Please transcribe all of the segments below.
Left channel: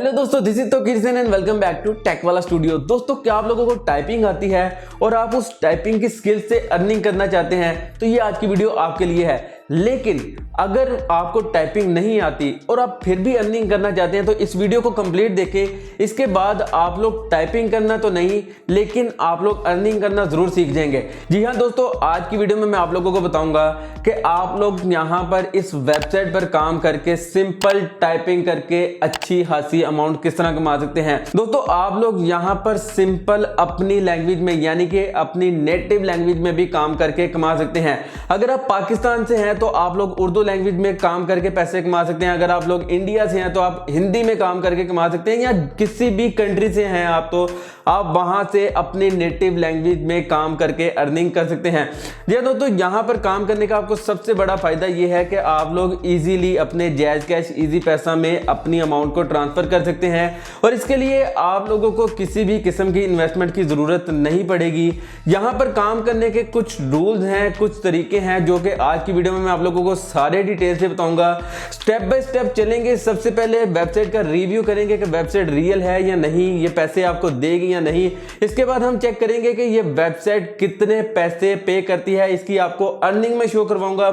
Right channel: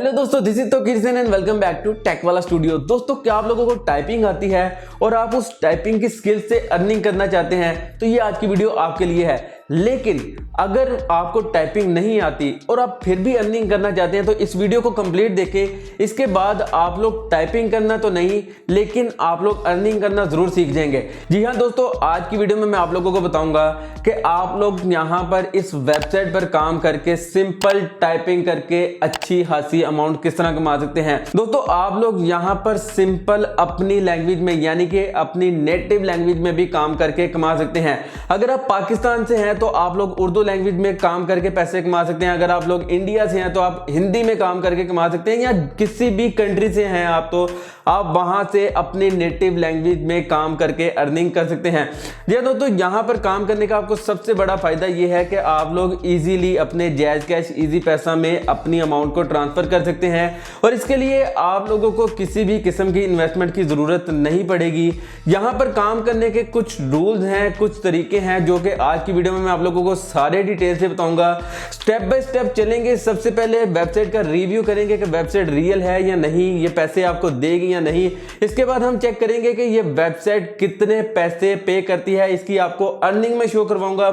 Hello दोस्तों, this is तो किरसन and welcome back to tech वाला स्टूडियो। दोस्तों, क्या आप लोगों को टाइपिंग आती है और आप उस टाइपिंग की स्किल से अर्निंग करना चाहते हैं तो ये आज की वीडियो आपके लिए है। लेकिन अगर आपको टाइपिंग नहीं आती और आप फिर भी अर्निंग करना चाहते हैं तो इस वीडियो को कंप्लीट देखें। इसके बाद आप लोग टाइपिंग करना तो नहीं, लेकिन आप लोग अर्निंग करना जरूर सीख जाएंगे। जी हाँ दोस्तों, आज की वीडियो में मैं आप लोगों को बताऊंगा कि आप लोग यहां पर इस वेबसाइट पर काम करके सिंपल टाइपिंग करके अच्छी खासी अमाउंट किस तरह कमा सकते हैं। दोस्तों, आप लोग यहां पर सिंपल अपनी लैंग्वेज में यानी कि अपनी नेटिव लैंग्वेज में भी काम करके कमा सकते हैं। अगर आप पाकिस्तान से हैं तो आप लोग उर्दू लैंग्वेज में काम करके पैसे कमा सकते हैं। अगर आप लोग इंडिया से हैं तो आप हिंदी में काम करके कमा सकते हैं, या किसी भी कंट्री से हैं आप तो आप वहां से अपनी नेटिव लैंग्वेज में काम करके अर्निंग कर सकते हैं। जी दोस्तों, यहां पर काम करने का आपको सबसे बड़ा फायदा यह है कि आप लोग इजीली अपने जैज कैश इजी पैसा में अपनी अमाउंट को ट्रांसफर कर सकते हैं और इसके लिए आप लोगों को किसी भी किस्म की इन्वेस्टमेंट की जरूरत नहीं पड़ेगी। यहां पर काम करने के कुछ रूल्स हैं, कुछ तरीके हैं जो कि आज की वीडियो में मैं आप लोगों को सारे डिटेल से बताऊंगा। स्टेप बाय स्टेप चलेंगे। सबसे पहले वेबसाइट का रिव्यू करेंगे कि वेबसाइट रियल है या नहीं, ये पैसे आपको देगी या नहीं। इसके बाद हम चेक करेंगे कि ये वेबसाइट कितने पैसे पे करती है, इसकी आपको अर्निंग में शो करवाऊंगा।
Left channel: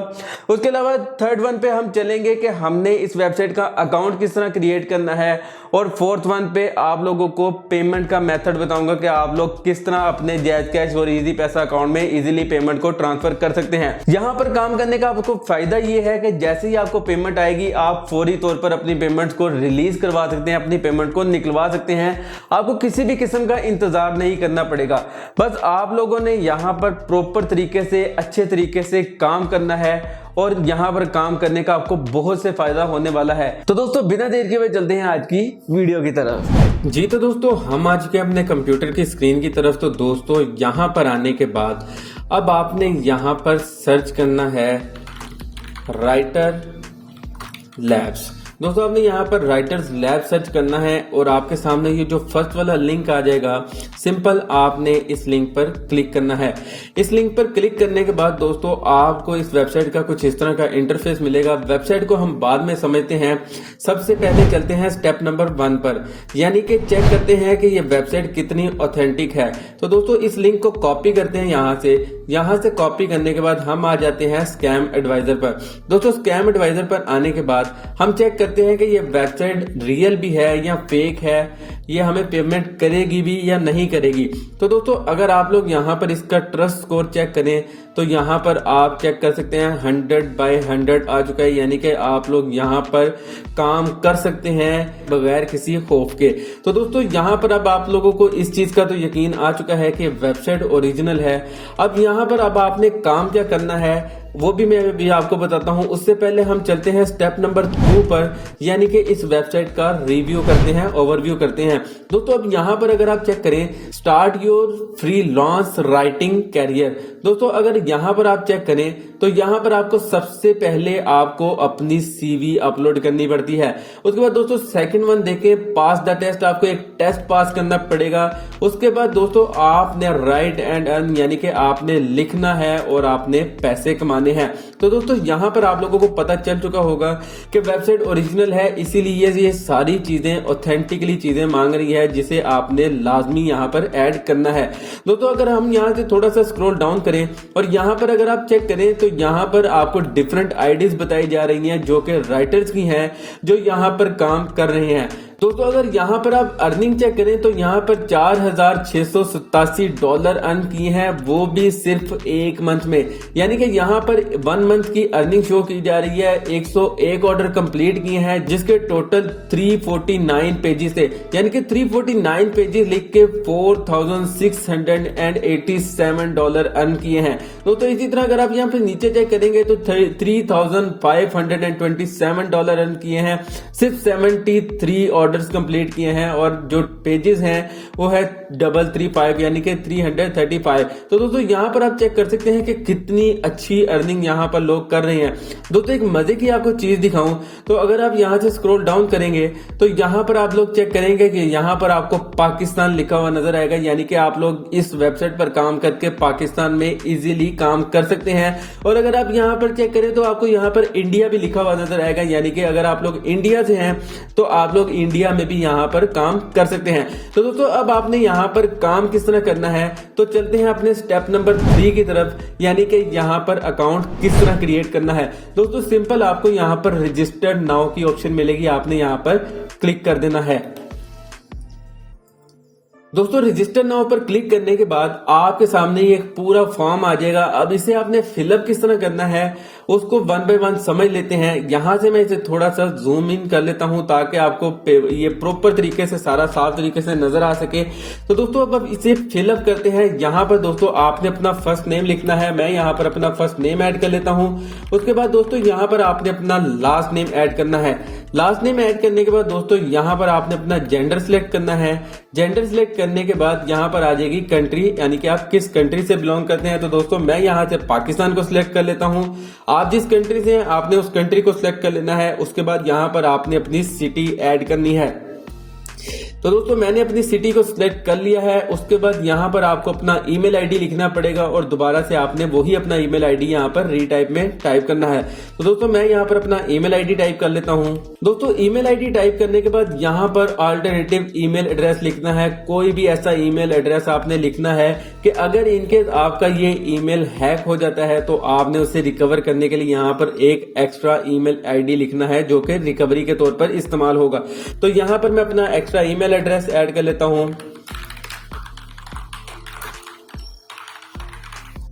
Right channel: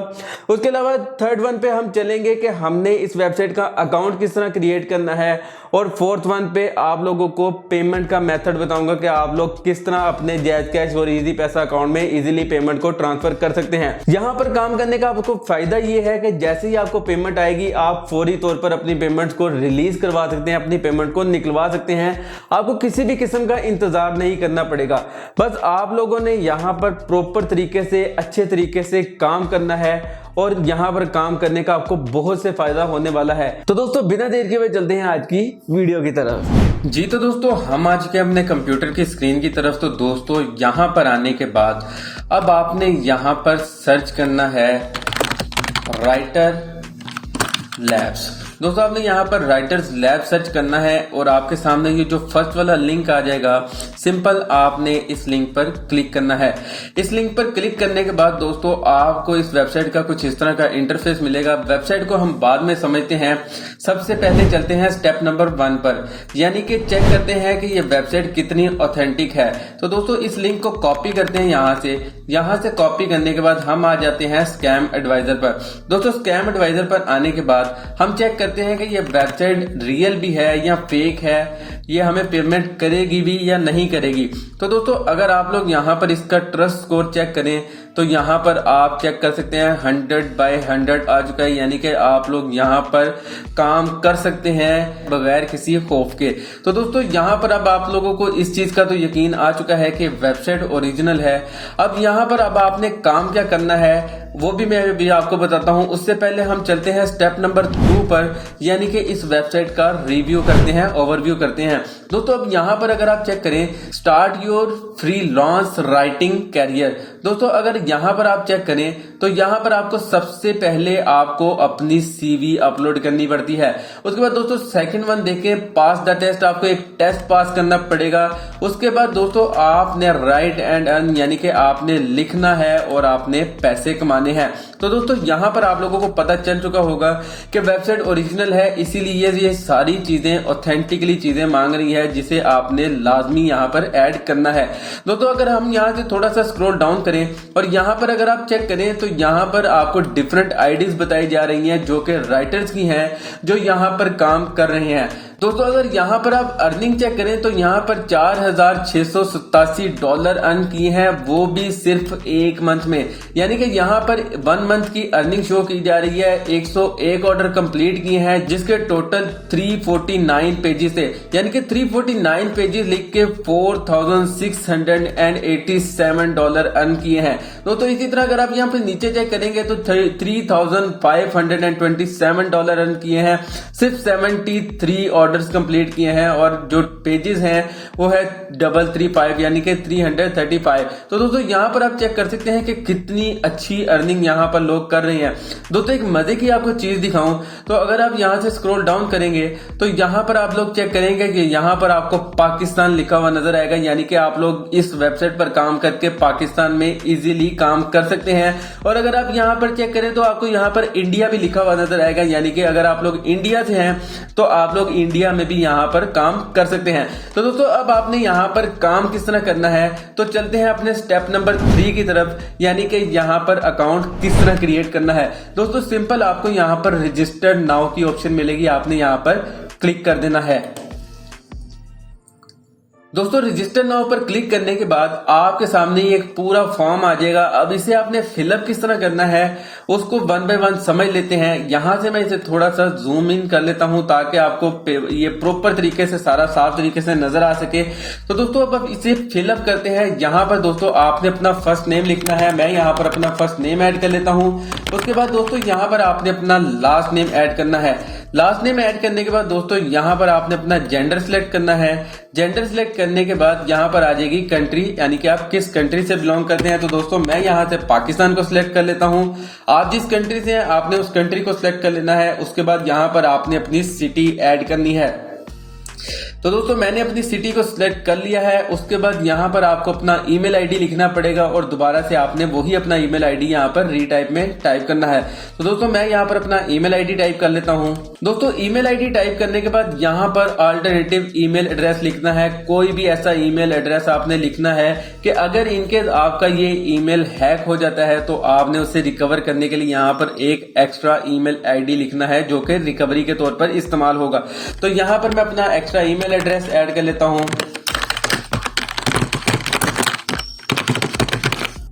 उसके अलावा थर्ड वन पे हम चलेंगे कि हमने इस वेबसाइट का अकाउंट किस तरह क्रिएट करना है, और फोर्थ वन पे आप लोगों को पेमेंट का मेथड बताऊंगा कि आप लोग किस तरह अपने जैज कैश और इजी पैसा अकाउंट में इजीली पेमेंट को ट्रांसफर कर सकते हैं। यहां पर काम करने का आपको फायदा ये है कि जैसे ही आपको पेमेंट आएगी आप फौरी तौर पर अपनी पेमेंट को रिलीज करवा सकते हैं, अपनी पेमेंट को निकलवा सकते हैं। आपको किसी भी किस्म का इंतजार नहीं करना पड़ेगा। बस आप लोगों ने यहां पर प्रॉपर तरीके से अच्छे तरीके से काम करना है और यहां पर काम करने का आपको बहुत से फायदा होने वाला है। तो दोस्तों, बिना देर के हुए चलते हैं आज की वीडियो की तरफ। जी तो दोस्तों, हम आज के अपने कंप्यूटर की स्क्रीन की तरफ। तो दोस्तों, यहां पर आने के बाद अब आपने यहां पर सर्च करना है राइटर लैब्स। दोस्तों, आपने यहाँ पर राइटर्स लैब सर्च करना है और आपके सामने ये जो फर्स्ट वाला लिंक आ जाएगा, सिंपल आपने इस लिंक पर क्लिक करना है। इस लिंक पर क्लिक करने के बाद दोस्तों आपको इस वेबसाइट का कुछ इस तरह का इंटरफेस मिलेगा। वेबसाइट को हम बाद में समझते हैं। सबसे पहले चलते हैं स्टेप नंबर 1 पर, यानी कि चेक करते हैं कि ये वेबसाइट कितनी ऑथेंटिक है। तो दोस्तों, इस लिंक को कॉपी करते हैं यहां से कॉपी करने के बाद हम आ जाते हैं स्कैम एडवाइजर पर। दोस्तों, स्कैम एडवाइजर पर आने के बाद हम चेक करते हैं कि ये वेबसाइट रियल भी है या फेक है, ये हमें पेमेंट करेगी भी या नहीं करेगी। तो दोस्तों, अगर आप लोग यहाँ पर इसका ट्रस्ट स्कोर चेक करें तो यहाँ पर आप चेक कर सकते हैं 100/100 आ चुका है, यानी कि आप लोग यहाँ पर काम कर सकते हैं बगैर किसी खौफ के। तो दोस्तों, यहाँ पर अब आप लोगों को इस चीज का तो यकीन आ चुका है कि वेबसाइट ओरिजिनल है। अब यहाँ पर अब आपने काम क्या करना है वो भी मैं भी आपको बताता हूं। उससे पहले हम चलते हैं स्टेप नंबर 2 पर, यानी कि इस वेबसाइट का रिव्यू करते हैं, ओवरव्यू करते हैं। दोस्तों, अब यहां पर अगर आप चेक करें start your freelance writing career. दोस्तों, अगर यहां पर आप चेक करें तो यहां पर आपको सबसे पहले आपको अपनी सीवी अपलोड करनी पड़ती है। उसके बाद दोस्तों सेकंड वन देखें, पास द टेस्ट, आपको एक टेस्ट पास करना पड़ेगा। उसके बाद दोस्तों आपने राइट एंड अर्न, यानी कि आपने लिखना है और आपने पैसे कमाने हैं। तो दोस्तों, यहां पर आप लोगों को पता चल चुका होगा कि वेबसाइट ओरिजिनल है, इसीलिए ये सारी चीजें ऑथेंटिकली चीजें मांग रही है, जिसे आपने लाजमी यहां पर ऐड करना है। दोस्तों, अगर हम यहां से थोड़ा सा स्क्रॉल डाउन करें और यहां पर अगर आप चेक करें तो यहां पर आपको डिफरेंट आईडीज बताई जा रही हैं जो कि राइटर्स की हैं, जो यहां पर काम कर रहे हैं। दोस्तों, अगर यहां पर आप अर्निंग चेक करें तो यहां पर $4,687 अर्न किए हैं, वो भी सिर्फ एक मंथ में। यानी कि यहां पर 1 मंथ की अर्निंग शो की जा रही है। 101 ऑर्डर कंप्लीट किए हैं, जिसके टोटल 349 पेजेस थे, यानी कि 349 पेजेस लिख के $4,687 अर्न किए हैं। दोस्तों, इसी तरह अगर आप यहां पर नीचे चेक करेंगे तो $3,527 अर्न किए हैं, सिर्फ 73 ऑर्डर्स कंप्लीट किए हैं, और जो पेजेस हैं वो है 335, यानी कि 335। तो दोस्तों, यहां पर आप चेक कर सकते हैं कि कितनी अच्छी अर्निंग यहां पर लोग कर रहे हैं। दोस्तों, एक मजे की आपको चीज दिखाऊं तो अगर आप यहां से स्क्रॉल डाउन करेंगे तो यहां पर आप लोग चेक करेंगे कि यहां पर आपको पाकिस्तान लिखा हुआ नजर आएगा, यानी कि आप लोग इस वेबसाइट पर काम करके पाकिस्तान में इजीली काम कर सकते हैं। और अगर आप यहां पर चेक करें तो आपको यहां पर इंडिया भी लिखा हुआ नजर आएगा, यानी कि अगर आप लोग इंडिया से हैं तो आप लोग इंडिया इंडिया में भी यहाँ पर काम कर सकते हैं। तो दोस्तों अब आपने यहाँ पर काम किस तरह करना है, तो चलते हैं अपने स्टेप नंबर 3 की तरफ, यानी कि यहाँ पर अकाउंट किस तरह क्रिएट करना है। दोस्तों सिंपल आपको यहाँ पर रजिस्टर नाउ की ऑप्शन मिलेगी, आपने यहाँ पर क्लिक कर देना है। दोस्तों रजिस्टर नाउ पर क्लिक करने के बाद आपके सामने ये एक पूरा फॉर्म आ जाएगा। अब इसे आपने फिलअप किस तरह करना है उसको 1 बाय 1 समझ लेते हैं। यहां से मैं इसे थोड़ा सा जूम इन कर लेता हूं ताकि आपको ये प्रॉपर तरीके से सारा साफ तरीके से नजर आ सके। तो दोस्तों अब इसे फिलअप करते हैं। यहाँ पर दोस्तों आपने अपना फर्स्ट नेम लिखना है, मैं यहाँ पर अपना फर्स्ट नेम ऐड कर लेता हूँ। उसके बाद दोस्तों यहाँ पर आपने अपना लास्ट नेम ऐड करना है। लास्ट नेम ऐड करने के बाद दोस्तों यहाँ पर आपने अपना जेंडर सिलेक्ट करना है। जेंडर सिलेक्ट करने के बाद यहाँ पर आ जाएगी कंट्री, यानी कि आप किस कंट्री से बिलोंग करते हैं। तो दोस्तों मैं यहाँ से पाकिस्तान को सिलेक्ट कर लेता हूँ। आप जिस कंट्री से हैं आपने उस कंट्री को सिलेक्ट कर लेना है। उसके बाद यहाँ पर आपने अपनी सिटी ऐड करनी है। तो दोस्तों मैंने अपनी सिटी को सिलेक्ट कर लिया है। उसके बाद यहाँ पर आपको अपना ईमेल आईडी लिखना पड़ेगा और दोबारा से आपने वही अपना ईमेल आईडी यहाँ पर रीटाइप में टाइप करना है। तो दोस्तों मैं यहाँ पर अपना ईमेल आईडी टाइप कर लेता हूँ। दोस्तों ईमेल आईडी टाइप करने के बाद यहाँ पर अल्टरनेटिव ईमेल एड्रेस लिखना है। कोई भी ऐसा ईमेल एड्रेस आपने लिखना है कि अगर इनके आपका ये ईमेल हैक हो जाता है तो आपने उसे रिकवर करने के लिए यहाँ पर एक एक्स्ट्रा ईमेल आईडी लिखना है जो कि रिकवरी के तौर पर इस्तेमाल होगा। तो यहाँ पर मैं अपना एक्स्ट्रा ईमेल एड्रेस ऐड कर लेता हूं।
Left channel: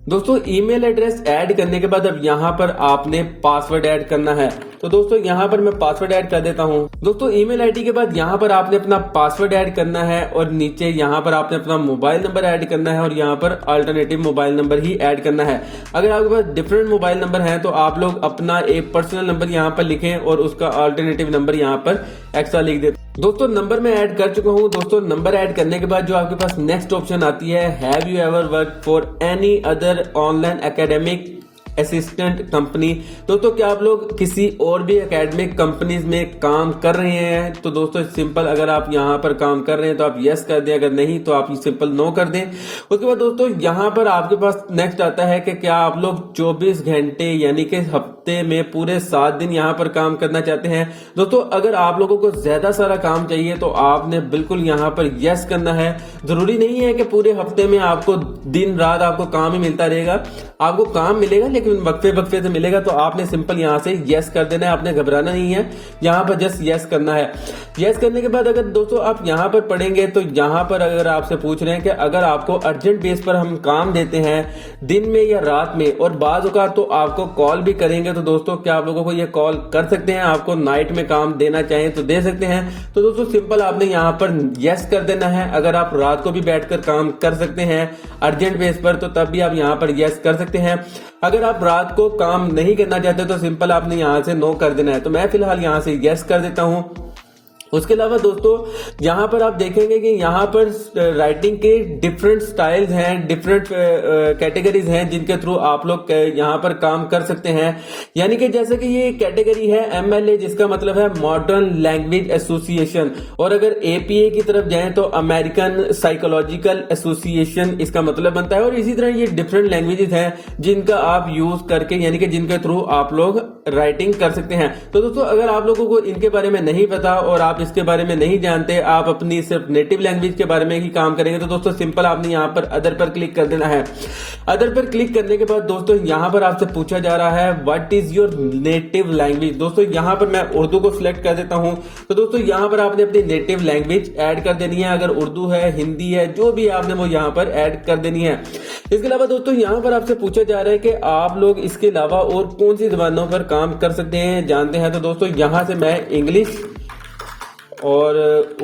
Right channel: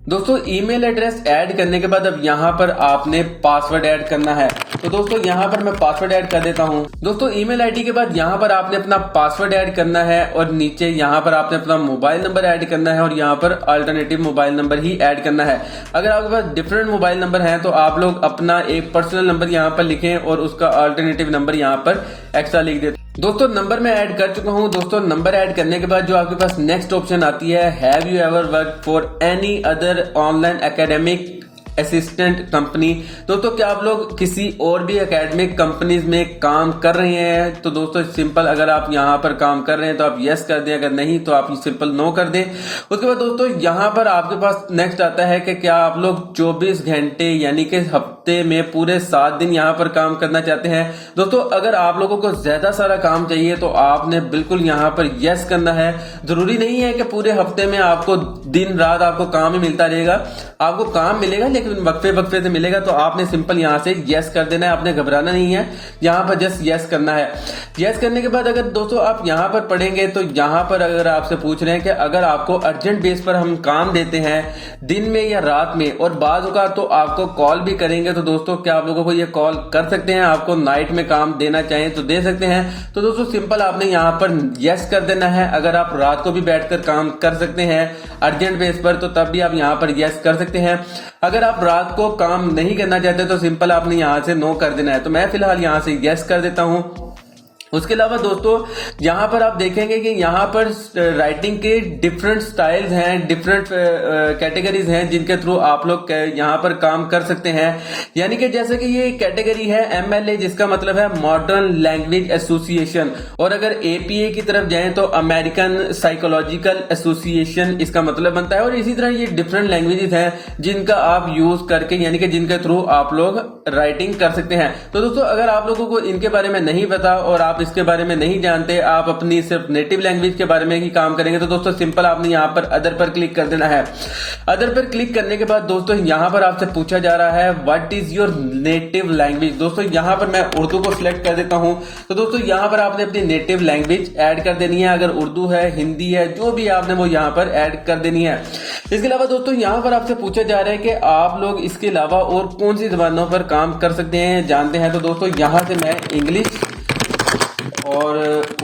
दोस्तों ईमेल एड्रेस ऐड करने के बाद अब यहाँ पर आपने पासवर्ड ऐड करना है। तो दोस्तों यहाँ पर मैं पासवर्ड ऐड कर देता हूँ। दोस्तों ईमेल आईडी के बाद यहाँ पर आपने अपना पासवर्ड ऐड करना है और नीचे यहाँ पर आपने अपना मोबाइल नंबर ऐड करना है और यहाँ पर अल्टरनेटिव मोबाइल नंबर ही ऐड करना है। अगर आपके पास डिफरेंट मोबाइल नंबर है तो आप लोग अपना एक पर्सनल नंबर यहाँ पर लिखें और उसका अल्टरनेटिव नंबर यहाँ पर एक्स्ट्रा लिख दें। दोस्तों नंबर मैं ऐड कर चुका हूं। दोस्तों नंबर ऐड करने के बाद जो आपके पास नेक्स्ट ऑप्शन आती है, have you ever work for any other online academic assistant company. दोस्तों क्या आप लोग किसी और भी एकेडमिक कंपनीज में काम कर रहे हैं? तो दोस्तों सिंपल अगर आप यहाँ पर काम कर रहे हैं तो आप यस कर दें, अगर नहीं तो आप सिंपल नो कर दें। उसके बाद दोस्तों यहाँ पर आपके पास नेक्स्ट आता है कि क्या आप लोग 24 घंटे यानी कि हफ्ते में पूरे 7 दिन यहाँ पर काम करना चाहते हैं। दोस्तों अगर आप लोगों को ज्यादा सारा काम चाहिए तो आपने बिल्कुल यहाँ पर यस करना है। जरूरी नहीं है कि पूरे हफ्ते में आपको दिन रात आपको काम ही मिलता रहेगा, आपको काम मिलेगा लेकिन वक्फे वक्फे से मिलेगा। तो आपने सिंपल यहाँ से यस कर देना है, आपने घबराना नहीं है, यहाँ पर जस्ट यस करना है। यस करने के बाद अगर दोस्तों आप यहाँ पर पढ़ेंगे तो यहाँ पर अगर आपसे पूछ रहे हैं कि अगर आपको अर्जेंट बेस पर हम काम देते हैं दिन में या रात में और बाज़ औक़ात तो आपको कॉल भी करेंगे, तो दोस्तों क्या आप लोगों को ये कॉल कर सकते हैं? आपको नाइट में काम देना चाहें तो दे सकते हैं। तो दोस्तों सिंपल आपने यहाँ पर यस कर देना है। अगर आप रात को भी बैठकर काम कर सकते हैं अर्जेंट बेस पर तो तब भी आप यहाँ पर यस कर सकते हैं। अगर आप रात को काम नहीं करना चाहते तो सिंपल आपने यहाँ से नो कर देना है। तो मैं फिलहाल यहाँ से यस कर देता हूँ। उसके अलावा दोस्तों यहाँ पर आप देखेंगे कि यहाँ पर राइटिंग के डिफरेंट स्टाइल्स हैं, डिफरेंट कैटेगरीज हैं जिनके थ्रू आप लोग यहाँ पर काम कर सकते हैं। यानी कि जैसे कि ये कैटेगरी है MLA जिसका मतलब है मॉडर्न लैंग्वेज एसोसिएशन, और अगर APA की तरफ जाएं तो अमेरिकन साइकोलॉजिकल एसोसिएशन इसका मतलब बनता है। और इसी तरह ये डिफरेंट लैंग्वेजेस हैं जिनका आप यूज करके यानी कि जिनके थ्रू आप लोग राइटिंग कर सकते हैं। तो दोस्तों अगर आप लोगों को इनके बारे में नहीं पता और आप इसके बारे में नहीं जानते, आप अपनी सिर्फ नेटिव लैंग्वेज के बारे में ही काम करेंगे, तो दोस्तों सिंपल आपने यहाँ पर अदर पर क्लिक कर देना है। अदर पर क्लिक करने के बाद दोस्तों यहाँ पर आपसे पूछा जा रहा है what is your native language. दोस्तों यहाँ पर मैं उर्दू को सिलेक्ट कर देता हूँ। तो दोस्तों यहाँ पर आपने अपनी नेटिव लैंग्वेज ऐड कर देनी है। अगर उर्दू है, हिंदी है, जो भी आपने वो यहाँ पर ऐड कर देनी है। इसके अलावा दोस्तों यहाँ पर आपसे पूछा जा रहा है कि आप लोग इसके अलावा और कौन सी जबानों पर काम कर सकते हैं, जानते हैं। तो दोस्तों यहाँ से मैं इंग्लिश और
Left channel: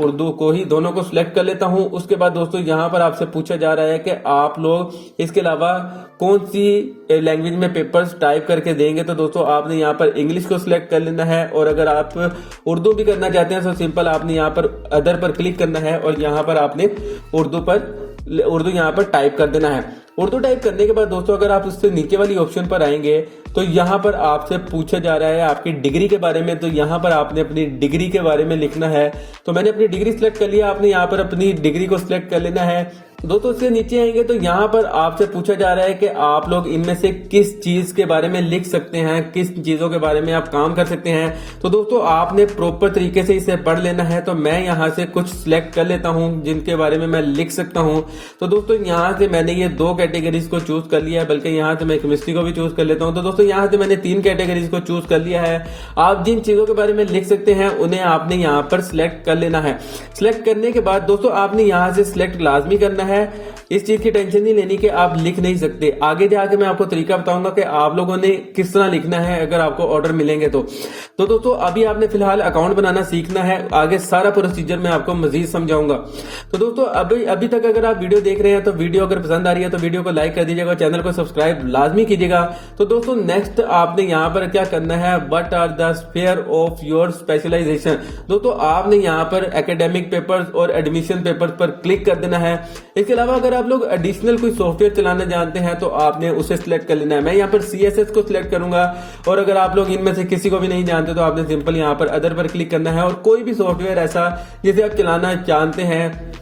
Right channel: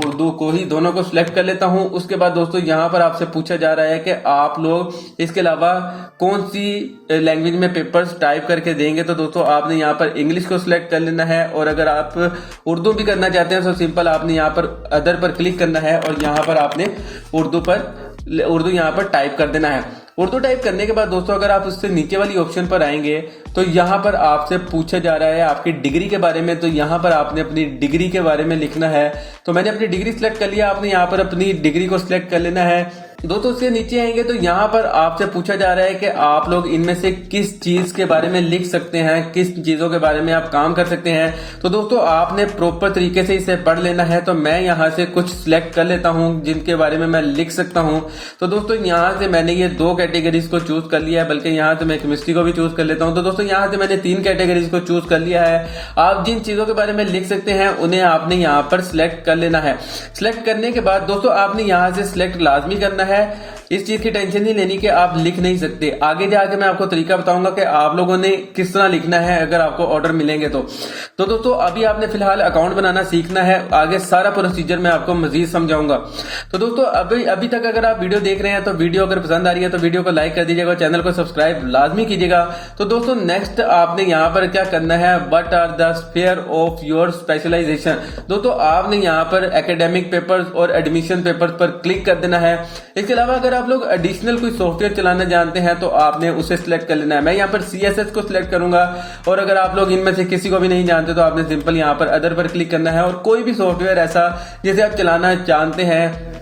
उर्दू को ही दोनों को सिलेक्ट कर लेता हूं। उसके बाद दोस्तों यहाँ पर आपसे पूछा जा रहा है कि आप लोग इसके अलावा कौन सी लैंग्वेज में पेपर्स टाइप करके देंगे। तो दोस्तों आपने यहाँ पर इंग्लिश को सिलेक्ट कर लेना है। और अगर आप उर्दू भी करना चाहते हैं तो सिंपल आपने यहाँ पर अदर पर क्लिक करना है और यहाँ पर आपने उर्दू यहाँ पर टाइप कर देना है। उर्दू टाइप करने के बाद दोस्तों अगर आप उससे नीचे वाली ऑप्शन पर आएंगे तो यहाँ पर आपसे पूछा जा रहा है आपकी डिग्री के बारे में। तो यहाँ पर आपने अपनी डिग्री के बारे में लिखना है। तो मैंने अपनी डिग्री सिलेक्ट कर लिया, आपने यहाँ पर अपनी डिग्री को सिलेक्ट कर लेना है। दोस्तों उसके नीचे आएंगे तो यहाँ पर आपसे पूछा जा रहा है कि आप लोग इनमें से किस चीज के बारे में लिख सकते हैं, किस चीजों के बारे में आप काम कर सकते हैं। तो दोस्तों आपने प्रॉपर तरीके से इसे पढ़ लेना है। तो मैं यहाँ से कुछ सिलेक्ट कर लेता हूँ जिनके बारे में मैं लिख सकता हूँ। तो दोस्तों यहाँ से मैंने ये 2 कैटेगरीज को चूज कर लिया है, बल्कि यहाँ से मैं केमिस्ट्री को भी चूज कर लेता हूँ। तो दोस्तों यहाँ से मैंने 3 कैटेगरीज को चूज कर लिया है। आप जिन चीजों के बारे में लिख सकते हैं उन्हें आपने यहाँ पर सिलेक्ट कर लेना है। सिलेक्ट करने के बाद दोस्तों आपने यहाँ से सिलेक्ट लाजमी करना है। इस चीज की टेंशन नहीं लेनी कि आप लिख नहीं सकते। आगे जाके मैं आपको तरीका बताऊंगा कि आप लोगों ने किस तरह लिखना है अगर आपको ऑर्डर मिलेंगे तो दोस्तों अभी आपने फिलहाल अकाउंट बनाना सीखना है। आगे सारा प्रोसीजर मैं आपको मजीद समझाऊंगा। तो दोस्तों अभी तक अगर आप वीडियो देख रहे हैं तो वीडियो अगर पसंद आ रही है तो वीडियो को लाइक कर दीजिएगा, चैनल को सब्सक्राइब लाजमी कीजिएगा। तो दोस्तों नेक्स्ट आपने यहाँ पर क्या करना है, what are the sphere of your specialisation. दोस्तों आपने यहाँ पर एकेडमिक पेपर्स और एडमिशन पेपर्स पर क्लिक कर देना है। इसके अलावा अगर आप लोग एडिशनल कोई सॉफ्टवेयर चलाना जानते हैं तो आपने उसे सिलेक्ट कर लेना है। मैं यहाँ पर CSS को सिलेक्ट करूंगा, और अगर आप लोग इनमें से किसी को भी नहीं जानते तो आपने सिंपल यहाँ पर अदर पर क्लिक करना है। और कोई भी सॉफ्टवेयर ऐसा जिसे आप चलाना जानते हैं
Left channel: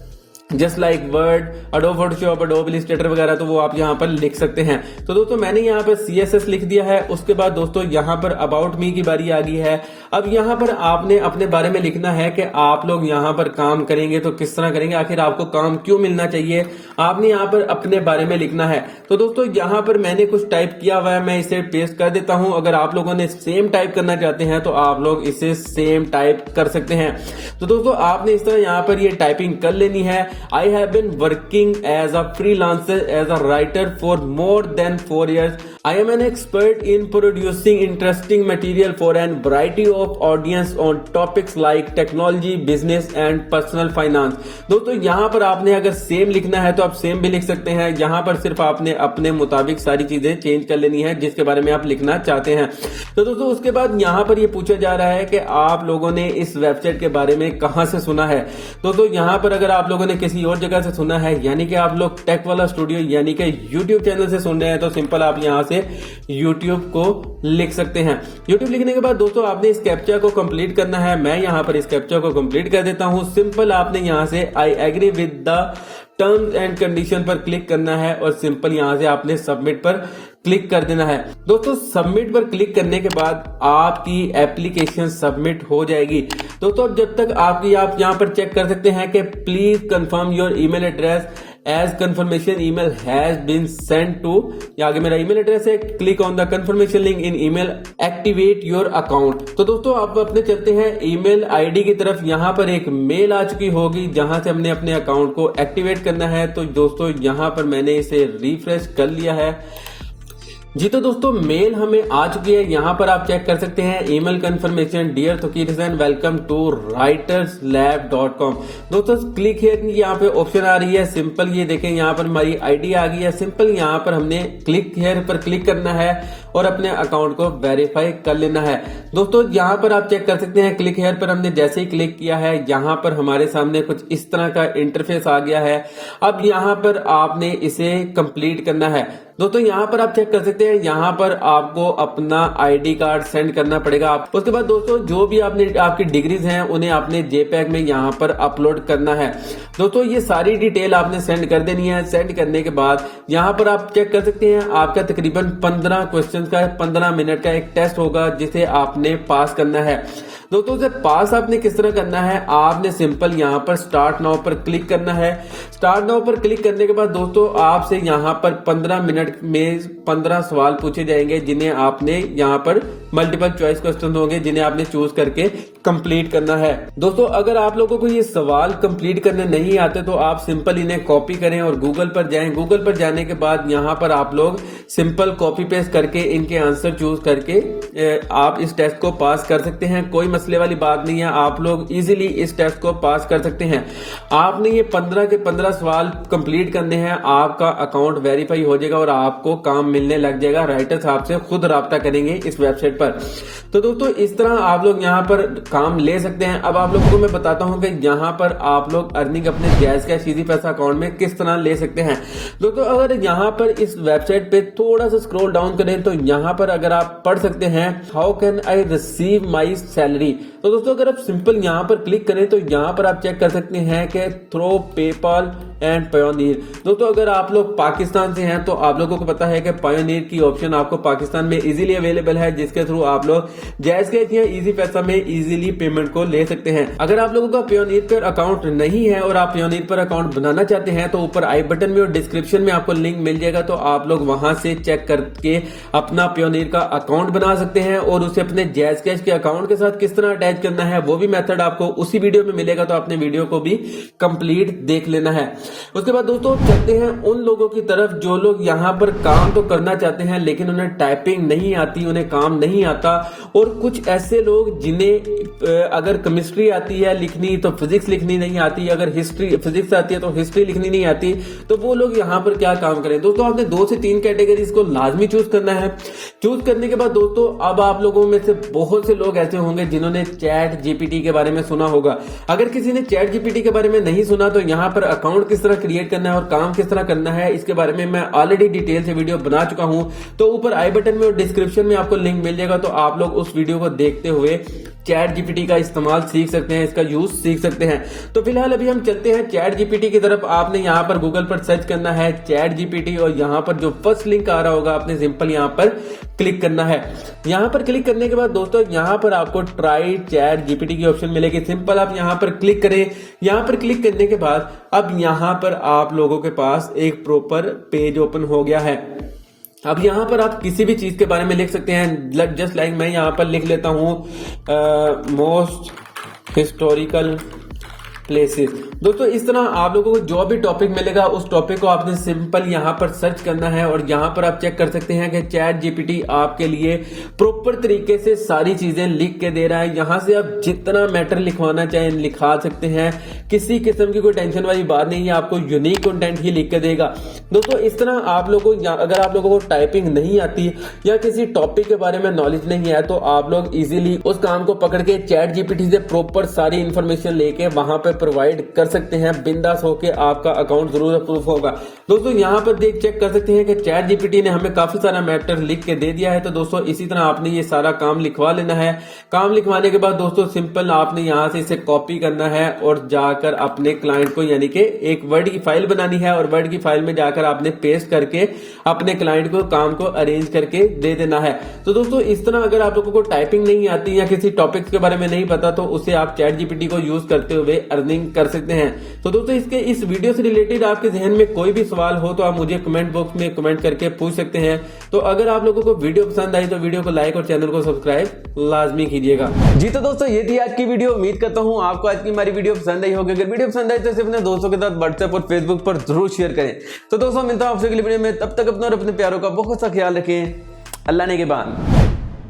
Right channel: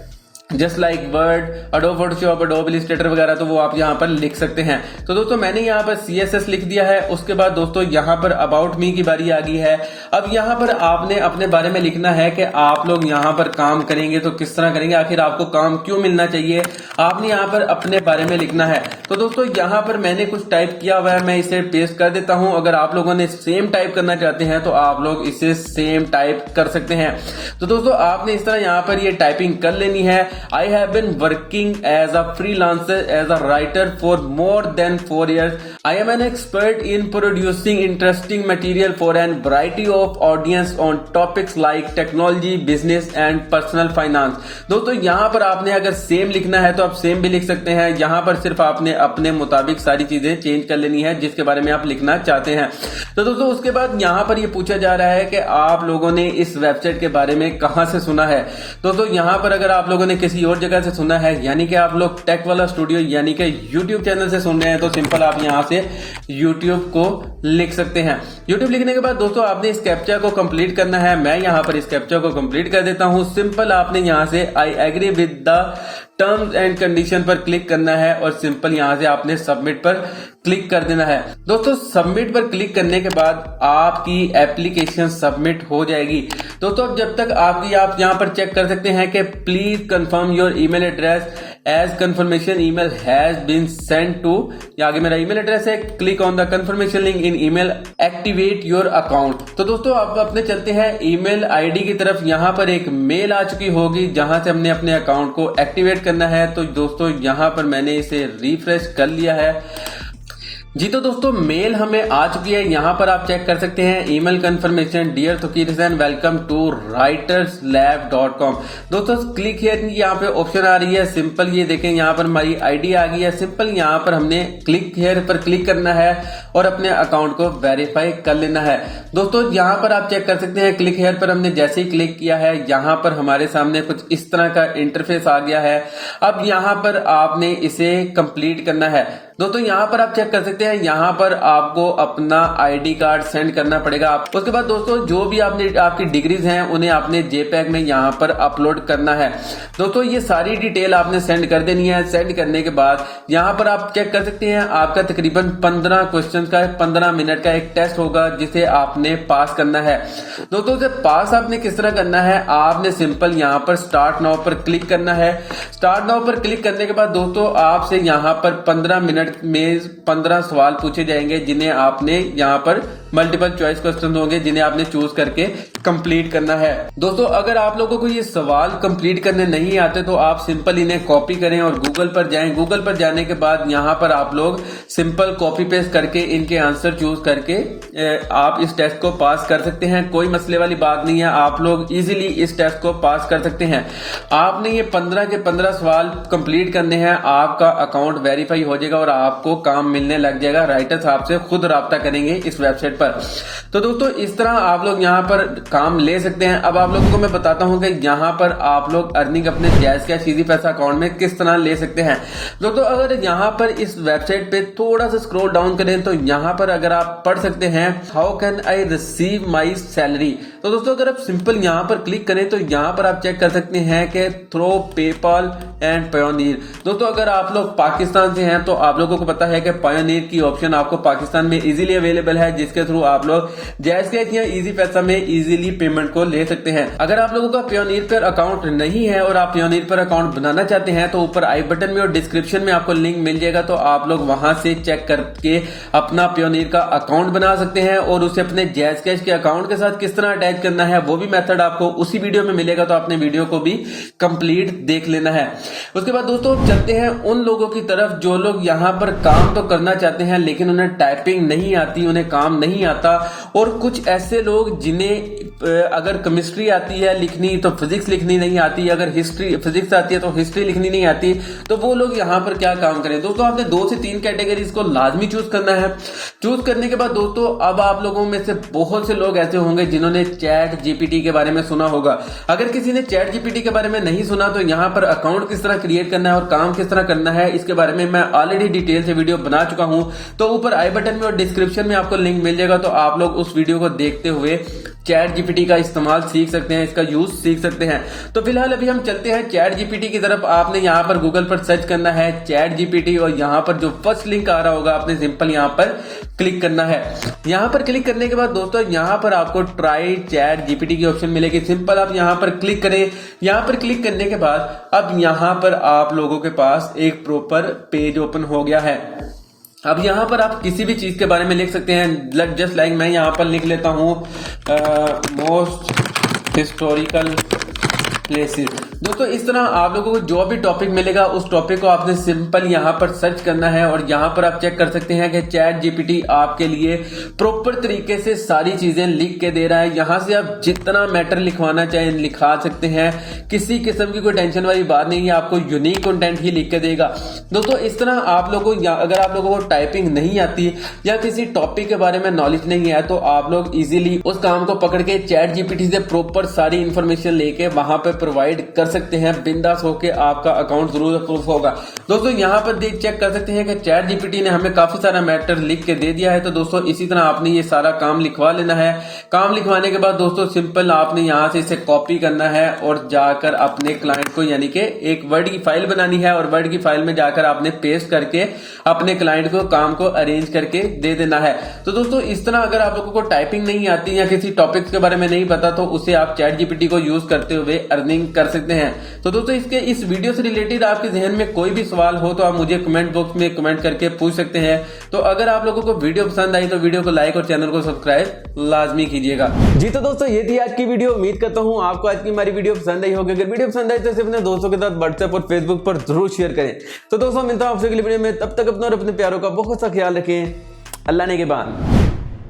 just like word, adobe Photoshop, adobe Illustrator वगैरह, तो वो आप यहाँ पर लिख सकते हैं। तो दोस्तों मैंने यहाँ पर CSS लिख दिया है। उसके बाद दोस्तों यहाँ पर अबाउट मी की बारी आ गई है। अब यहाँ पर आपने अपने बारे में लिखना है कि आप लोग यहाँ पर काम करेंगे तो किस तरह करेंगे, आखिर आपको काम क्यों मिलना चाहिए, आपने यहाँ पर अपने बारे में लिखना है। तो दोस्तों यहाँ पर मैंने कुछ टाइप किया हुआ है, मैं इसे पेस्ट कर देता हूँ। अगर आप लोगों ने सेम टाइप करना चाहते हैं तो आप लोग इसे सेम टाइप कर सकते हैं। तो दोस्तों आपने इस तरह यहाँ पर ये टाइपिंग कर लेनी है। I have been working as a freelancer as a writer for more than 4 years. I am an expert in producing interesting material for a variety of audience on topics like technology, business and personal finance. दोस्तों यहाँ पर आपने अगर same लिखना है तो आप same भी लिख सकते हैं। यहाँ पर सिर्फ आपने अपने मुताबिक सारी चीजें चेंज कर लेनी है जिसके बारे में आप लिखना चाहते हैं। तो दोस्तों उसके बाद यहाँ पर ये पूछा जा रहा है कि आप लोगों ने इस वेबसाइट के बारे में कहां से सुना है। दोस्तों यहाँ पर अगर आप लोगों ने किसी और जगह से सुना है, यानी कि आप लोग टेक वाला स्टूडियो यानी कि YouTube चैनल से सुन रहे हैं, तो सिंपल आप यहां से YouTube को लिख सकते हैं। YouTube लिखने के बाद दोस्तों आपने इस कैप्चा को कंप्लीट करना है। मैं यहां पर इस कैप्चा को कंप्लीट कर देता हूं। सिंपल आपने यहां से I agree with the terms and condition पर क्लिक करना है और सिंपल यहां से आपने सबमिट पर क्लिक कर देना है। दोस्तों सबमिट पर क्लिक करने के बाद आपकी एप्लीकेशन सबमिट हो जाएगी। दोस्तों जब तक आप यहां पर चेक कर सकते हैं कि please confirm your email address as confirmation email has been send to, आगे मेरा ईमेल एड्रेस है, click on the confirmation link in email, activate your account. तो दोस्तों आप अपने चलते हैं ईमेल आईडी की तरफ। यहां पर एक मेल आ चुकी होगी जहां से हमने अपने अकाउंट को एक्टिवेट करना है। तो दोस्तों यहां पर मैंने इसे रिफ्रेश कर लिया है जी। तो दोस्तों मेल हमें आ चुकी है। यहाँ पर आप चेक कर सकते हैं ईमेल कंफर्मेशन, डियर तुकीरसन वेलकम टू writerslab.com। दोस्तों क्लिक हियर की यहाँ पे ऑप्शन आ रही है। सिंपल ये देखें यहाँ पर हमारी आईडी आ गई है। सिंपल यहाँ पर हमने क्लिक हियर पर क्लिक करना है और अपने अकाउंट को वेरीफाई कर लेना है। दोस्तों यहाँ पर आप चेक कर सकते हैं क्लिक हियर पर हमने जैसे ही क्लिक किया है यहाँ पर हमारे सामने कुछ इस तरह का इंटरफेस आ गया है। अब यहाँ पर आपने इसे कंप्लीट करना है। दोस्तों यहाँ पर आप चेक कर सकते हैं यहाँ पर आपको अपना आईडी कार्ड सेंड करना पड़ेगा। उसके बाद दोस्तों जो भी आपकी डिग्रीज हैं उन्हें आपने JPEG में यहाँ पर अपलोड करना है। दोस्तों ये सारी डिटेल आपने सेंड कर देनी है। सेंड करने के बाद यहाँ पर आप चेक कर सकते हैं आपका तकरीबन 15 क्वेश्चन का 15 मिनट का एक टेस्ट होगा जिसे आपने पास करना है। दोस्तों उसे पास आपने किस तरह करना है, आपने सिंपल यहाँ पर स्टार्ट नाउ पर क्लिक करना है। स्टार्ट नाउ पर क्लिक करने के बाद दोस्तों आपसे यहाँ पर 15 मिनट में 15 सवाल पूछे जाएंगे जिन्हें आपने यहाँ पर मल्टीपल चॉइस क्वेश्चन होंगे जिन्हें आपने चूज करके कंप्लीट करना है। दोस्तों अगर आप लोगों को ये सवाल कंप्लीट करने नहीं आते तो आप सिंपल इन्हें कॉपी करें और गूगल पर जाएं। गूगल पर जाने के बाद यहाँ पर आप लोग सिंपल कॉपी पेस्ट करके इनके आंसर चूज करके आप इस टेस्ट को पास कर सकते हैं। कोई मसले वाली बात नहीं है, आप लोग इजीली इस टेस्ट को पास कर सकते हैं। आपने ये 15 के 15 सवाल कंप्लीट करने हैं, आपका अकाउंट वेरीफाई हो जाएगा और आपको काम मिलने लग जाएगा। राइटर्स आपसे खुद राब्ता करेंगे इस वेबसाइट पर। तो दोस्तों इस तरह आप लोग यहाँ पर काम ले सकते हैं। अब आप लोगों को मैं बताता हूँ कि यहाँ पर आप लोग अर्निंग अपने जायज कैश इजी पैसा अकाउंट में किस तरह ले सकते हैं। दोस्तों अगर यहाँ पर इस वेबसाइट पे थोड़ा सा स्क्रॉल डाउन करें तो यहाँ पर अगर आप पढ़ सकते हैं how can I receive my salary. तो दोस्तों अगर आप सिंपल यहाँ पर क्लिक करें तो यहाँ पर आप चेक कर सकते हैं कि थ्रो पेपाल एंड पायोनियर। दोस्तों अगर आप लोग पाकिस्तान से हैं तो आप लोगों को पता है कि पायोनियर की ऑप्शन आपको पाकिस्तान में इजीली अवेलेबल है, जिसके थ्रू आप लोग जायज कैश या इजी पैसा में इजीली पेमेंट को ले सकते हैं। अगर आप लोगों का पायोनियर पर अकाउंट नहीं है और आप पायोनियर पर अकाउंट बनाना चाहते हैं तो ऊपर आई बटन में और डिस्क्रिप्शन में आपको लिंक मिल जाएगा, तो आप लोग वहां से चेक करके अपना पायोनियर का अकाउंट बना सकते हैं और उसे अपने जायज कैश के अकाउंट के साथ किस तरह अटैच करना है वो भी मेथड आपको उसी वीडियो में मिलेगा, तो आपने वीडियो को भी कंप्लीट देख लेना है। उसके बाद दोस्तों चलते हैं उन लोगों की तरफ जो लोग यहाँ पर काम तो करना चाहते हैं लेकिन उन्हें टाइपिंग नहीं आती, उन्हें काम नहीं आता, और कुछ ऐसे लोग जिन्हें अगर केमिस्ट्री आती है लिखनी तो फिजिक्स लिखनी नहीं आती, अगर हिस्ट्री फिजिक्स आती है तो हिस्ट्री लिखनी नहीं आती, तो वो लोग यहाँ पर क्या काम करें। दोस्तों आपने 2 से 3 कैटेगरीज को लाजमी चूज करना है। चूज करने के बाद दोस्तों अब आप लोगों में से बहुत से लोग ऐसे होंगे जिन्होंने चैट जीपीटी के बारे में सुना होगा। अगर किसी ने चैट जीपीटी के बारे में नहीं सुना तो यहाँ पर अकाउंट किस तरह क्रिएट करना है और काम किस तरह करना है इसके बारे में मैं ऑलरेडी डिटेल से वीडियो बना चुका हूं, तो ऊपर आई बटन में और डिस्क्रिप्शन में आपको लिंक मिल जाएगा, तो आप लोग उस वीडियो को देखते हुए चैट जीपीटी का इस्तेमाल सीख सकते हैं, इसका यूज सीख सकते हैं। तो फिलहाल अभी हम चलते हैं चैट जीपीटी की तरफ। आपने यहाँ पर गूगल पर सर्च करना है चैट जीपीटी और यहाँ पर जो फर्स्ट लिंक आ रहा होगा आपने सिंपल यहाँ पर क्लिक करना है। यहाँ पर क्लिक करने के बाद दोस्तों यहाँ पर आपको ट्राई चैट जीपीटी की ऑप्शन मिलेगी। सिंपल आप यहाँ पर क्लिक करें। यहाँ पर क्लिक करने के बाद अब यहाँ पर आप लोगों के पास एक प्रॉपर पेज ओपन हो गया है। अब यहाँ पर आप किसी भी चीज के बारे में लिख सकते हैं, जस्ट लाइक मैं यहाँ पर लिख लेता हूँ मोस्ट हिस्टोरिकल प्लेसेस। दोस्तों इस तरह आप लोगों को जो भी टॉपिक मिलेगा उस टॉपिक को आपने सिंपल यहाँ पर सर्च करना है और यहाँ पर आप चेक कर सकते हैं कि चैट जीपीटी आपके लिए प्रॉपर तरीके से सारी चीजें लिख के दे रहा है। यहाँ से आप जितना मैटर लिखवाना चाहें लिखा सकते हैं, किसी किस्म की कोई टेंशन वाली बात नहीं है, आपको यूनिक कंटेंट ही लिख के देगा। दोस्तों इस तरह आप लोगों को अगर आप लोगों को टाइपिंग नहीं आती या किसी टॉपिक के बारे में नॉलेज नहीं है तो आप लोग इजीली उस काम को पकड़ के चैट जीपीटी से प्रॉपर सारी इंफॉर्मेशन लेके वहां पे प्रोवाइड कर सकते हैं। बिंदास होके आपका अकाउंट जरूर अप्रूव होगा। दोस्तों यहाँ पर देख चेक कर सकते हैं कि चैट जीपीटी ने हमें काफी सारा मैटर लिख के दे दिया है। तो दोस्तों इसी तरह आपने ये सारा काम लिखवा लेना है। काम लिखवाने के बाद दोस्तों सिंपल आपने यहाँ से इसे कॉपी करना है और जाकर अपने क्लाइंट को यानी कि एक वर्ड की फाइल बनानी है और वर्ड की फाइल में जाकर आपने पेस्ट करके अपने क्लाइंट को काम को अरेंज करके दे देना है। तो दोस्तों इस तरह अगर आप लोगों को टाइपिंग नहीं आती या किसी टॉपिक्स के बारे में नहीं पता तो उसे आप चैट जीपीटी को यूज करते हुए अर्निंग कर सकते हैं। तो दोस्तों इस वीडियो से रिलेटेड आपके जहन में कोई भी सवाल हो तो आप मुझे कमेंट बॉक्स में कमेंट करके पूछ सकते हैं। तो अगर आप लोगों को वीडियो पसंद आई तो वीडियो को लाइक और चैनल को सब्सक्राइब लाजमी कीजिएगा। जी तो दोस्तों ये थी आज की वीडियो। उम्मीद करता हूँ आपको आज की हमारी वीडियो पसंद आई होगी। अगर वीडियो पसंद आई तो इसे अपने दोस्तों के साथ व्हाट्सएप और फेसबुक पर जरूर शेयर करें। तो दोस्तों मिलता हूं आपसे अगली वीडियो में, तब तक अपना और अपने प्यारों का बहुत सा ख्याल रखें। अल्लाह ने के बाद।